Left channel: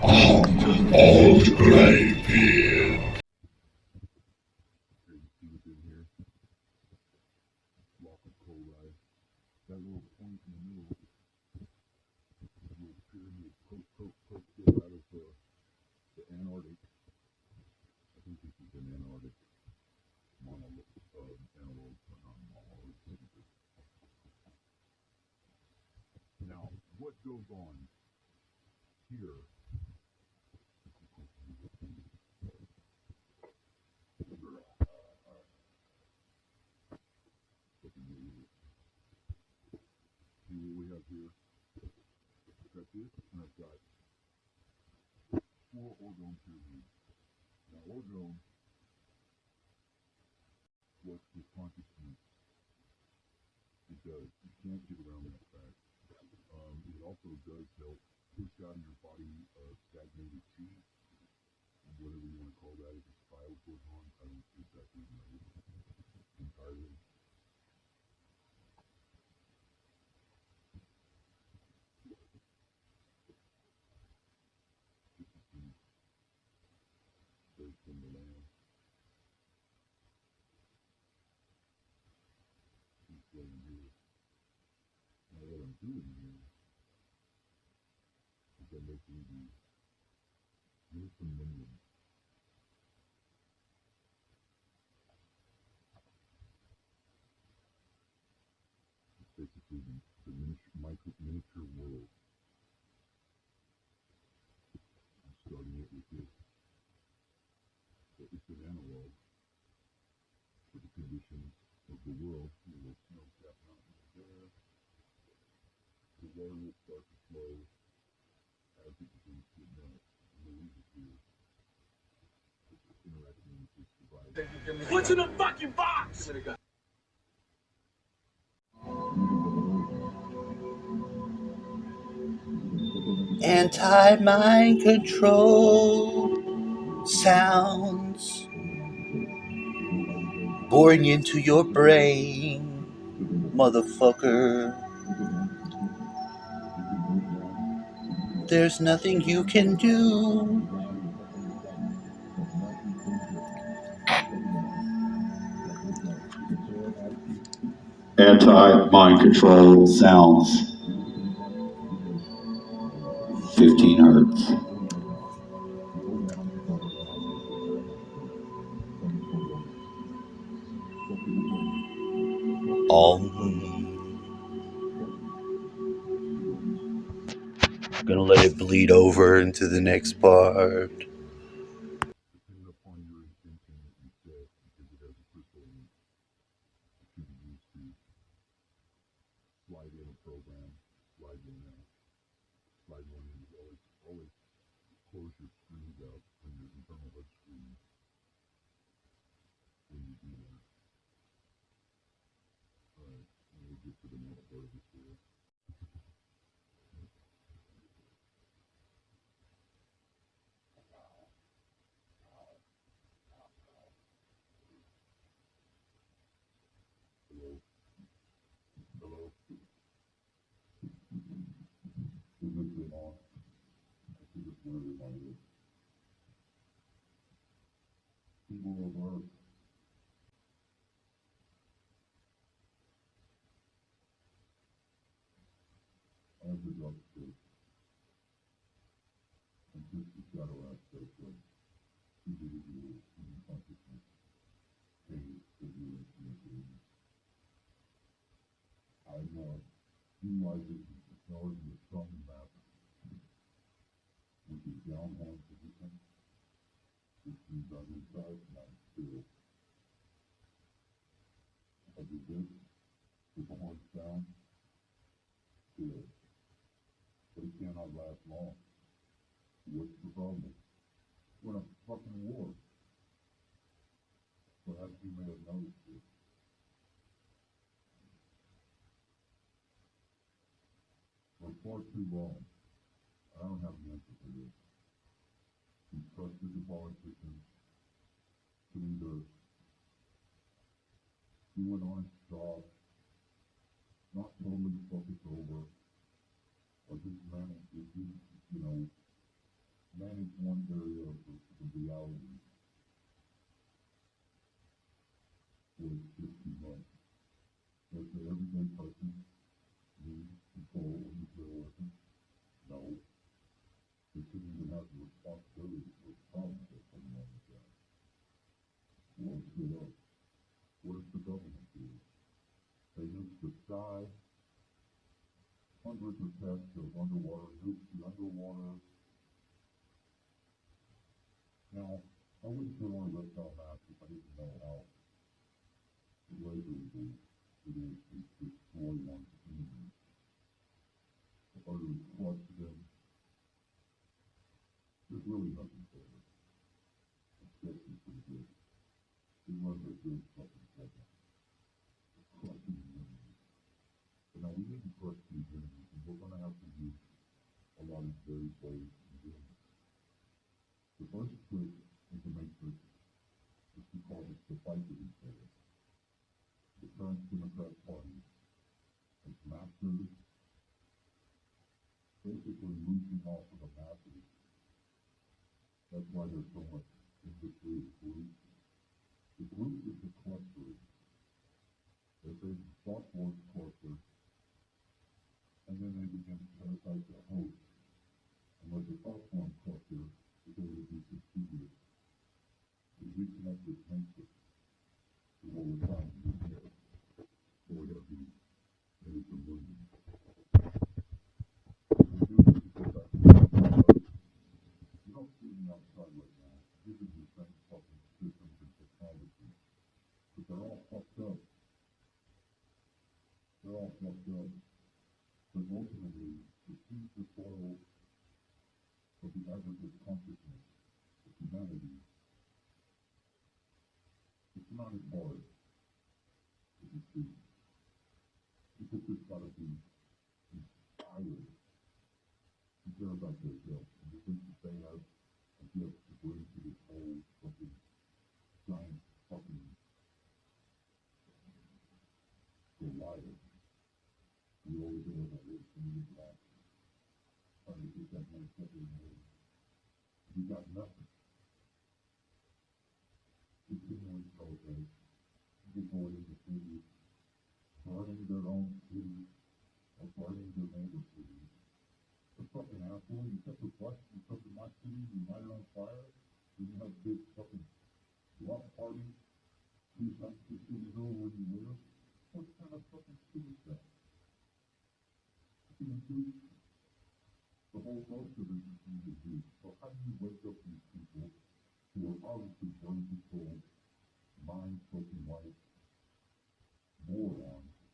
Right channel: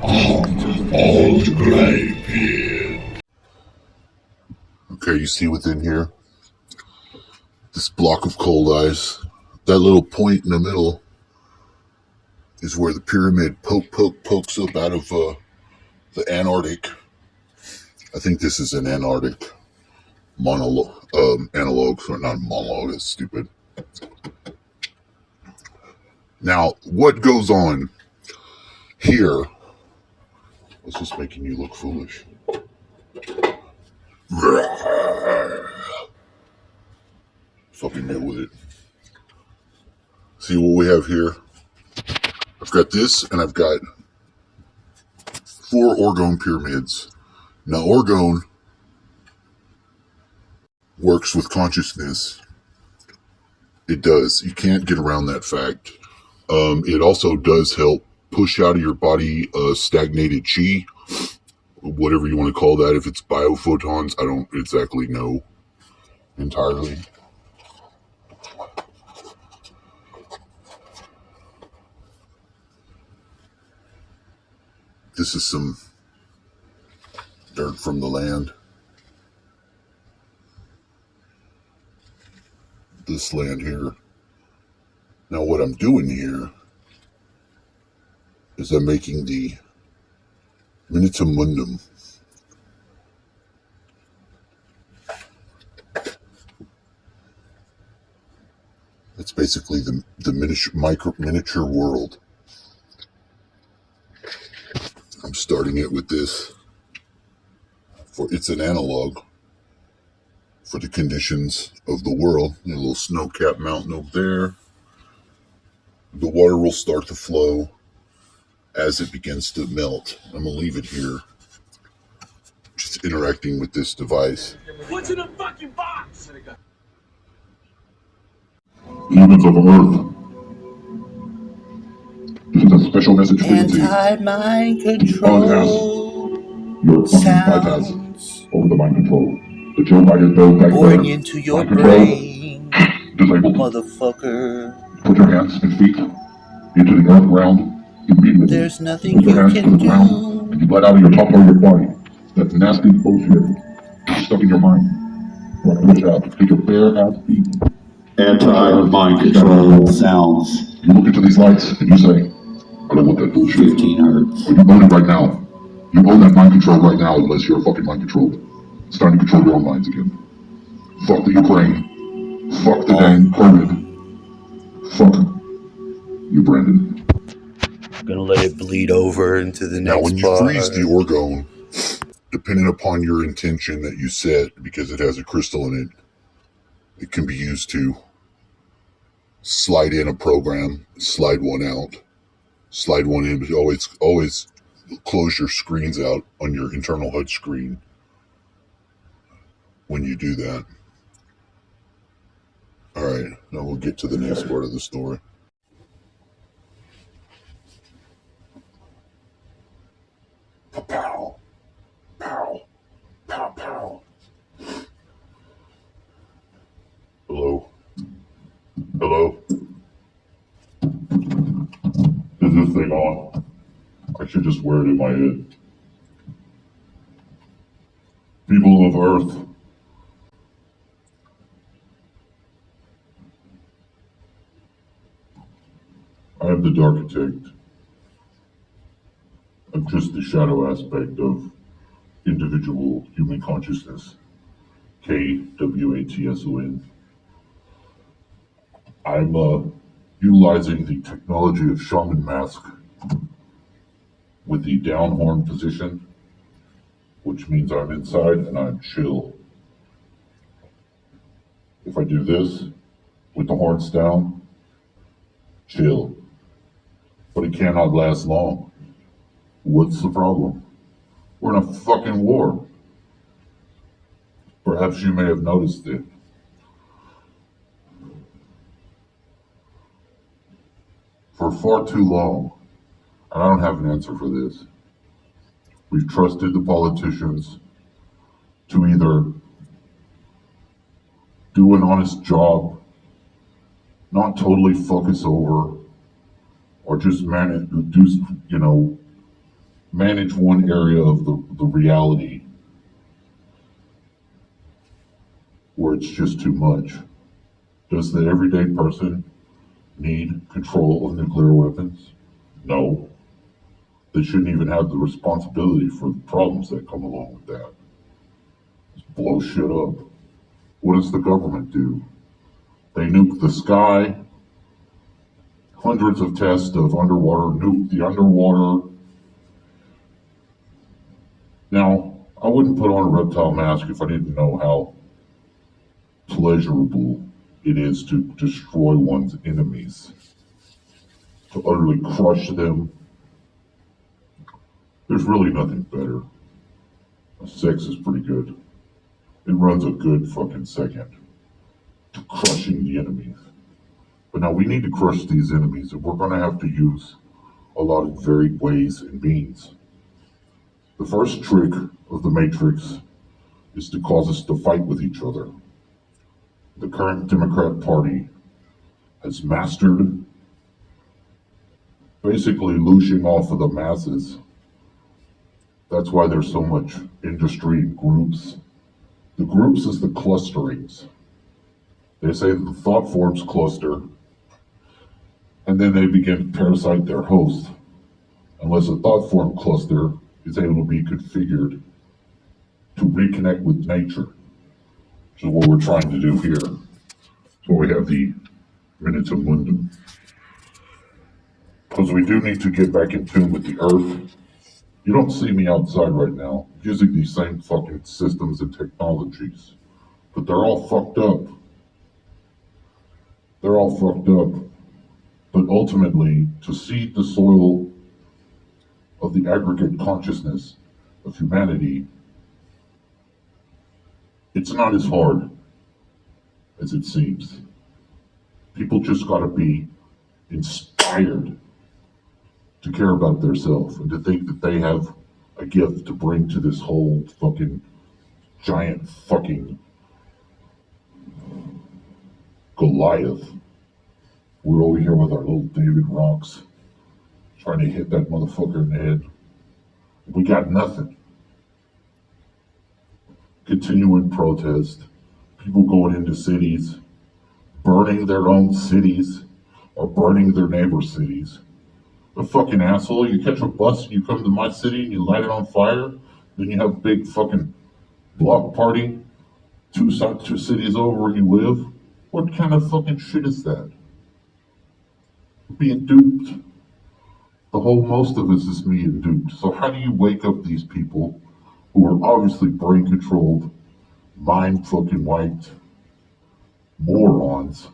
Old Greybeard. Okay, you see within here? This block of cold ice. That little point in the middle is where the pyramid pokes up out of the Antarctic. I think this is an Antarctic analog, or not monologue, that's stupid. Now, what goes on here? It's just making you look foolish. Fucking deal with it. See what we have here? I've got this, and I've got 4 orgone pyramids. Now, orgone works with consciousness. It does. You can't get around that fact. It also does help push out of your body stagnated chi, whatever you want to call that. If it's biophotons, I don't exactly know entirely. This is some dirt from the land. This land here. Now what I'm doing here is I'm making the Minutamundum. It's basically the miniature world. I'm starting it with this. It's an analog for the conditions of the world. A little snow-capped mountain over there. The water will start to flow as it begins to melt. I'm going to leave it here. Just interacting with this device. What's in the fucking box? Humans of Earth. This is a special message for you. Anti-mind control. Your fucking bypass over the mind control. The Joe Biden bill back pouring into your brain. Disabled. Motherfucker. Put your hands and feet into the earth ground immediately. There's nothing you can do. And you let out of your top part of your body. That nasty bullshit is stuck in your mind. You want to push out. Take your bare ass feet. Anti-mind control sounds. You look into these lights and you say, I don't want that bullshit. 15 hertz. You own it right now. You own that mind control right now unless you're fucking mind controlled. It's time to control your own minds again. Fuck the Ukraine. Fuck the dang COVID. Fuck you, Brandon. I'm gonna let it bleed over into the next Now, when you bar. freeze the orgone, depending upon your intention that you set, because it has a crystal in it, it can be used to slide in a program, slide one out, slide one in, but always close your screens out on your internal HUD screen when you do that. All right, now we'll get to the next part of the story. Pow, pow, pow, pow. Hello? Hello? Is this thing on? I should just wear it in my head. People of Earth. I am the Darkitect. I'm just the shadow aspect of individual human consciousness. KWATSON. I'm utilizing the technology of shaman mask with the down horn position, which means I'm inside and I'm chill. If I do this with the horns down, chill. But it cannot last long. What's the problem? We're in a fucking war. Perhaps you may have noticed it. For far too long, and I don't have an answer for this, we've trusted the politicians to either do an honest job, not totally focus over, or just manage, manage one area of the reality where it's just too much. Does the everyday person need control of nuclear weapons? No. They shouldn't even have the responsibility for the problems that come along with that. Just blow shit up. What does the government do? They nuke the sky, hundreds of tests of underwater, nuke the underwater. Now, I wouldn't put on a reptile mask if I didn't know how pleasurable it is to destroy one's enemies, to utterly crush them. There's really nothing better. Sex is pretty good. It runs a good fucking second to crushing the enemies. But now we need to crush these enemies, and we're going to have to use a lot of varied ways and means. The first trick of the Matrix is to cause us to fight with each other. The current Democrat Party has mastered basically looshing off of the masses. That's why there's so much industry and groups. The groups is the clusterings. They say that the thought forms cluster, and then they begin to parasite their host, unless a thought form cluster is able to be configured to reconnect with nature, which is what we're trying to do here. So we have the Minutes of Mundum. Because we do need to get back in tune with the earth. You don't see me outside right now using these same fucking systems and technologies, but they're all fucked up. They're all fucked up. But ultimately, to seed the soil of the aggregate consciousness of humanity, it's not as hard as it seems. People just gotta be inspired to care about themselves and to think that they have a gift to bring to this whole fucking giant fucking Goliath. We're over here with our little David rocks trying to hit that motherfucker in the head. We got nothing. Continuing protest, people going into cities, burning their own cities or burning their neighbor cities. A fucking asshole, you catch a bus and you come to my city and you light it on fire, then you have a big fucking block party two cities over where you live. What kind of fucking shit is that? Being duped. The whole most of us is being duped. So how do you wake up these people who are obviously brain controlled, mind fucking wiped morons,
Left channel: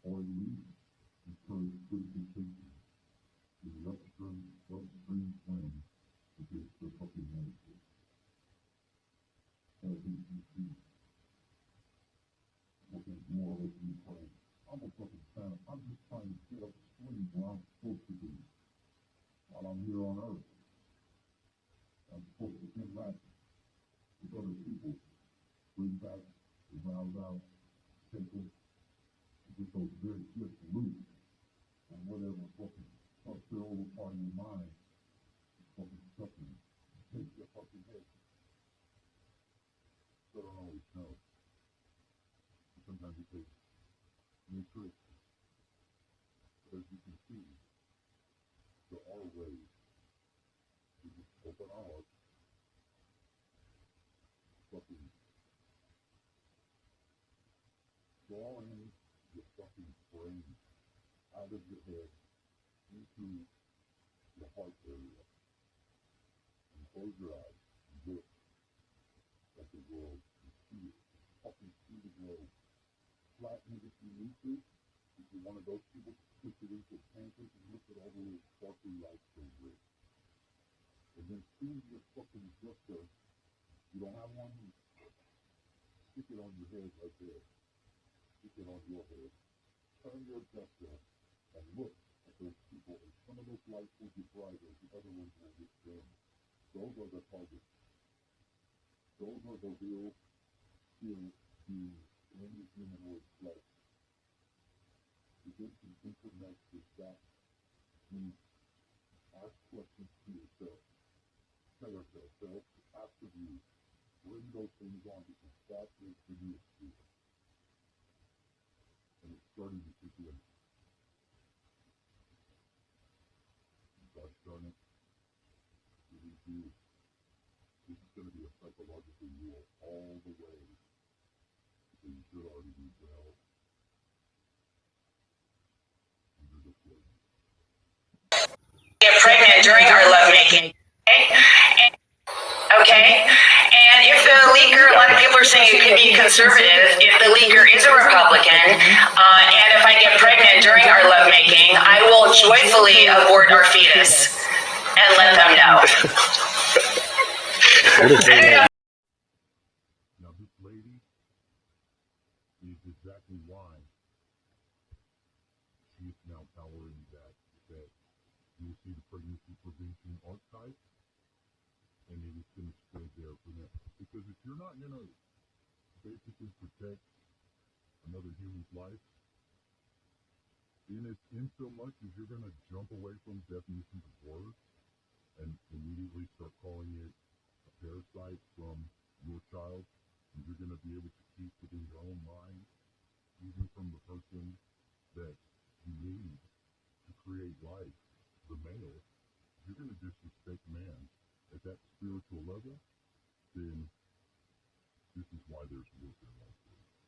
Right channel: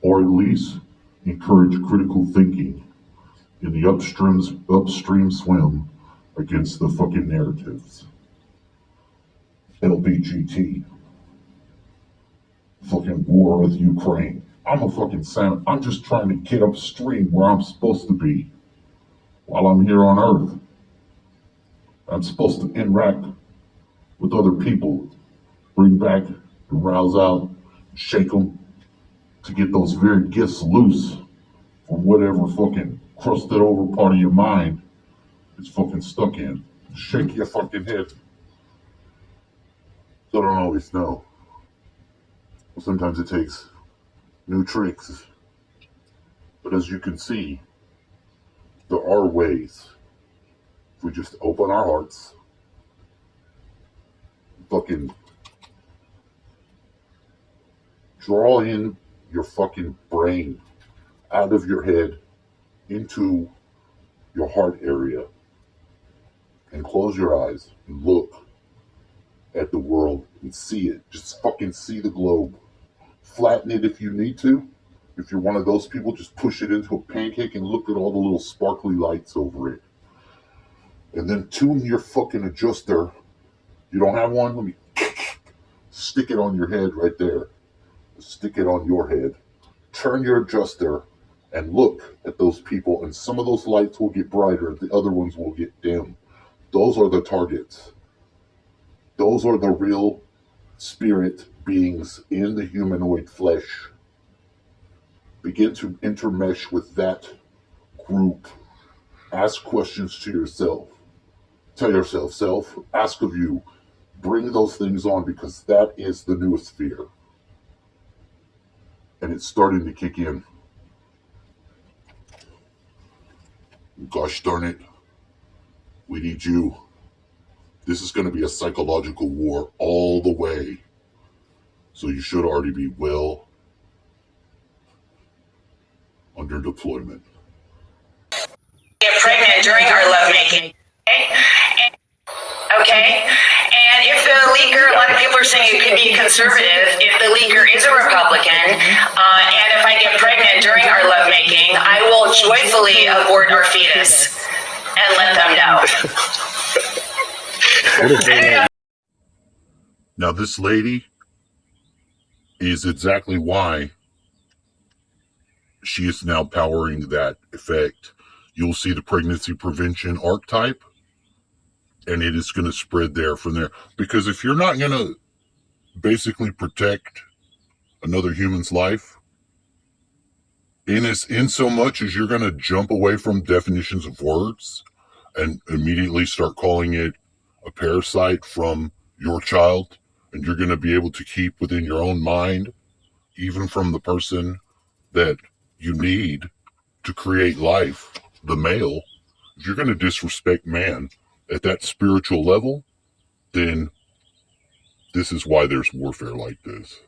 or at least encourage critical thinking in the upstream swim against the fucking narratives? LBGT, fucking war with Ukraine. I'm a fucking salmon. I'm just trying to get upstream where I'm supposed to be while I'm here on Earth. I'm supposed to interact with other people, bring back, rouse out, shake them to get those very gifts loose from whatever fucking crusted over part of your mind is fucking stuck in. Shake your fucking head. So I don't always know. Sometimes it takes new tricks. But as you can see, there are ways. If we just open our hearts, fucking draw in your fucking brain out of your head into your heart area and close your eyes and look at the world and see it. Just fucking see the globe. Flatten it if you need to. If you're one of those people, just push it into a pancake and look at all the little sparkly lights over it. And then tune your fucking adjuster. You don't have one? Let me stick it on your head right there. Stick it on your head. Turn your adjuster and look at those people, and some of those lights will get brighter, the other ones will get dim. Those are the targets. Those are the real spirit beings in the humanoid flesh. Begin to intermesh with that group. Ask questions to yourself. Tell yourself, self, ask of you, bring those things on, because that is the newest fear. And it's starting to kick in. Gosh darn it. We need you. This is going to be a psychological war all the way. So you should already be well under deployment. Get pregnant during our lovemaking. Okay? And if the leaker, we're saying you can be conservative, if the leaker is a Republican, and if I get pregnant during our lovemaking, I will joyfully abort our fetus and let them know. Now, this lady is exactly why she is now powering that effect. You'll see the pregnancy prevention archetype, and it is going to spread there from there. Because if you're not going to basically protect another human's life, in so much as you're going to jump away from definitions of words and immediately start calling it a parasite from your child, and you're going to be able to keep within your own mind, even from the person that you need to create life, the male. If you're going to disrespect man at that spiritual level, then this is why there's warfare like this.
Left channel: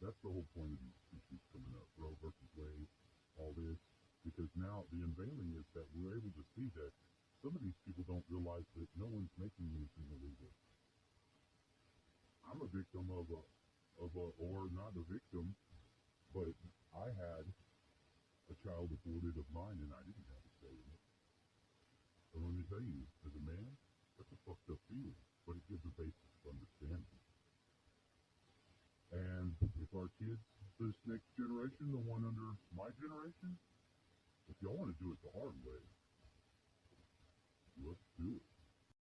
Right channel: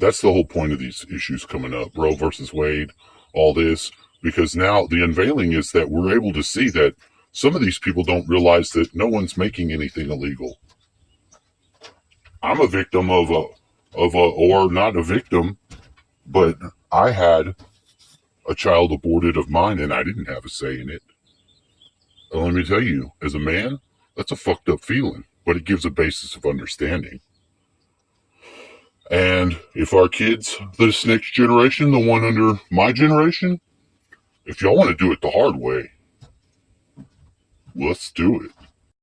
That's the whole point of these issues coming up, Roe versus Wade, all this, because now the unveiling is that we're able to see that some of these people don't realize that no one's making anything illegal. I'm a victim or not a victim, but I had a child aborted of mine and I didn't have a say in it. And let me tell you, as a man, that's a fucked up feeling, but it gives a basis of understanding. And if our kids, this next generation, the one under my generation, if y'all want to do it the hard way, let's do it.